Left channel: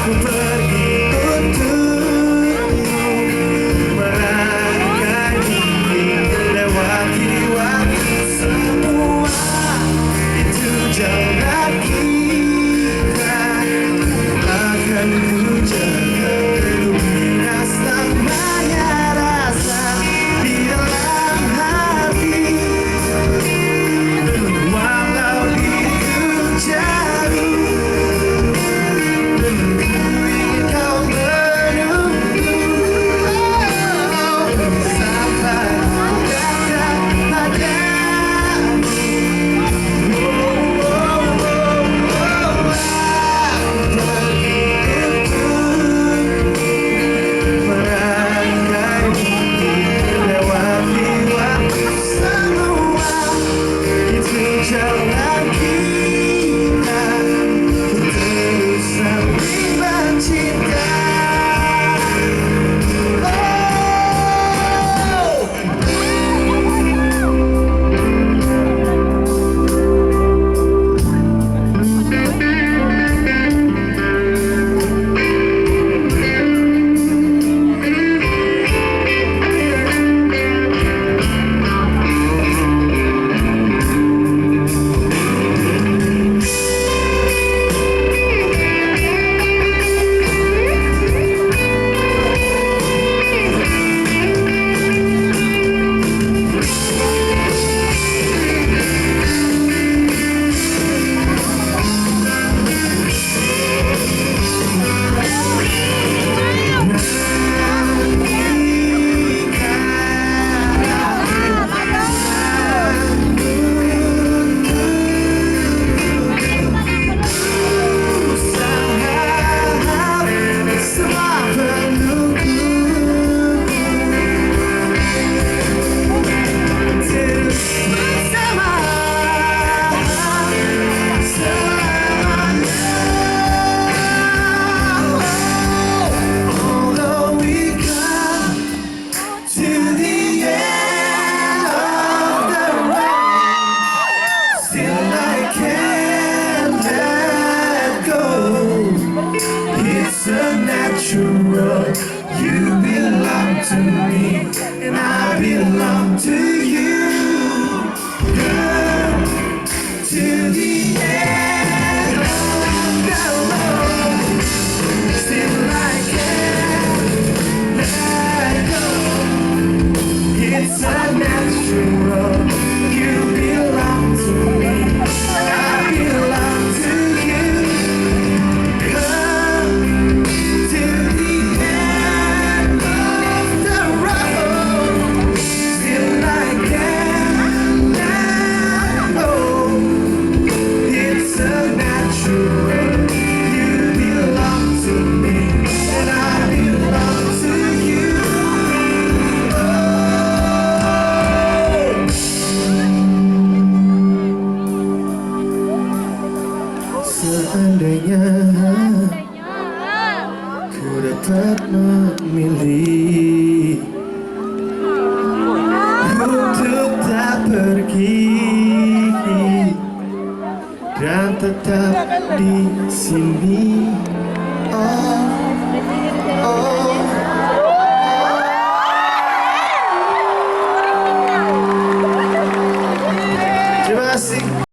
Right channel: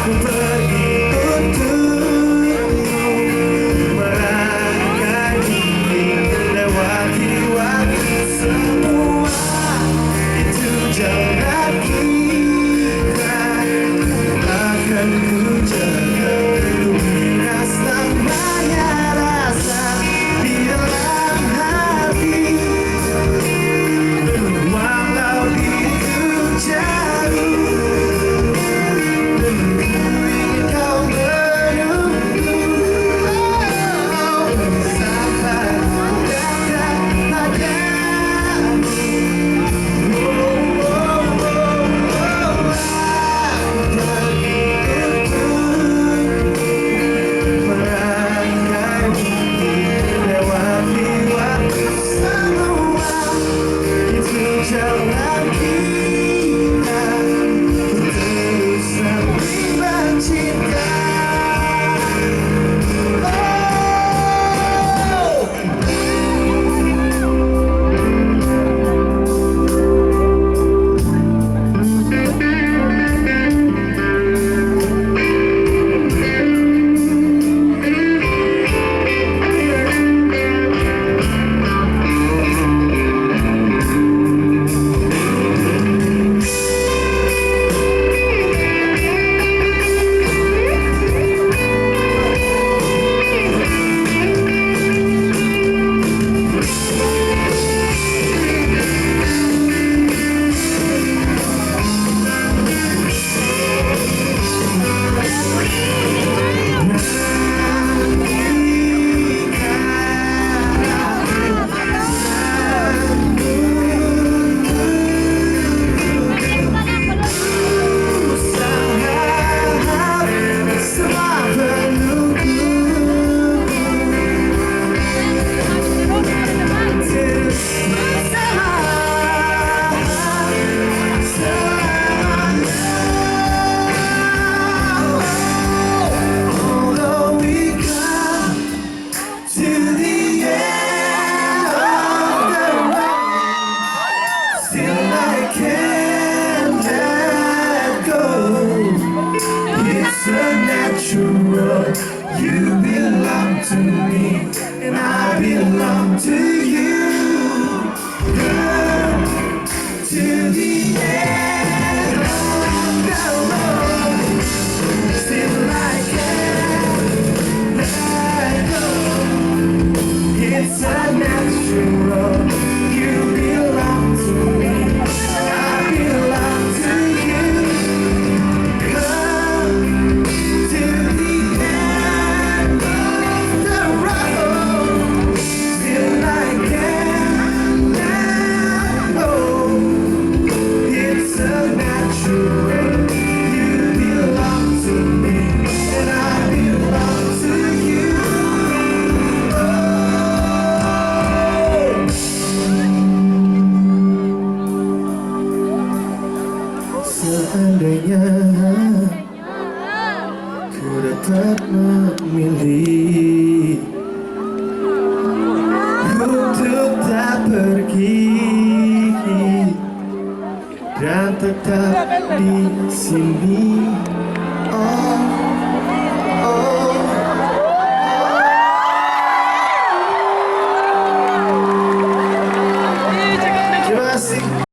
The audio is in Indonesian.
Ku pergi untukmu, merangkai mimpi, lewati waktu semua. Itu jalan kita, akan ku jaga. Ku miras namanya rasa di dalam hati. Walau diriku jauh, jalan kita, terus saling bercinta. Natural, you belong to me, and I belong to you. Girl, to the end of the road, still I can't let go. It's a natural, you belong to me, and I belong to you. Seandainya ku dapat memilih untuk tak pergi dan tetap di sini.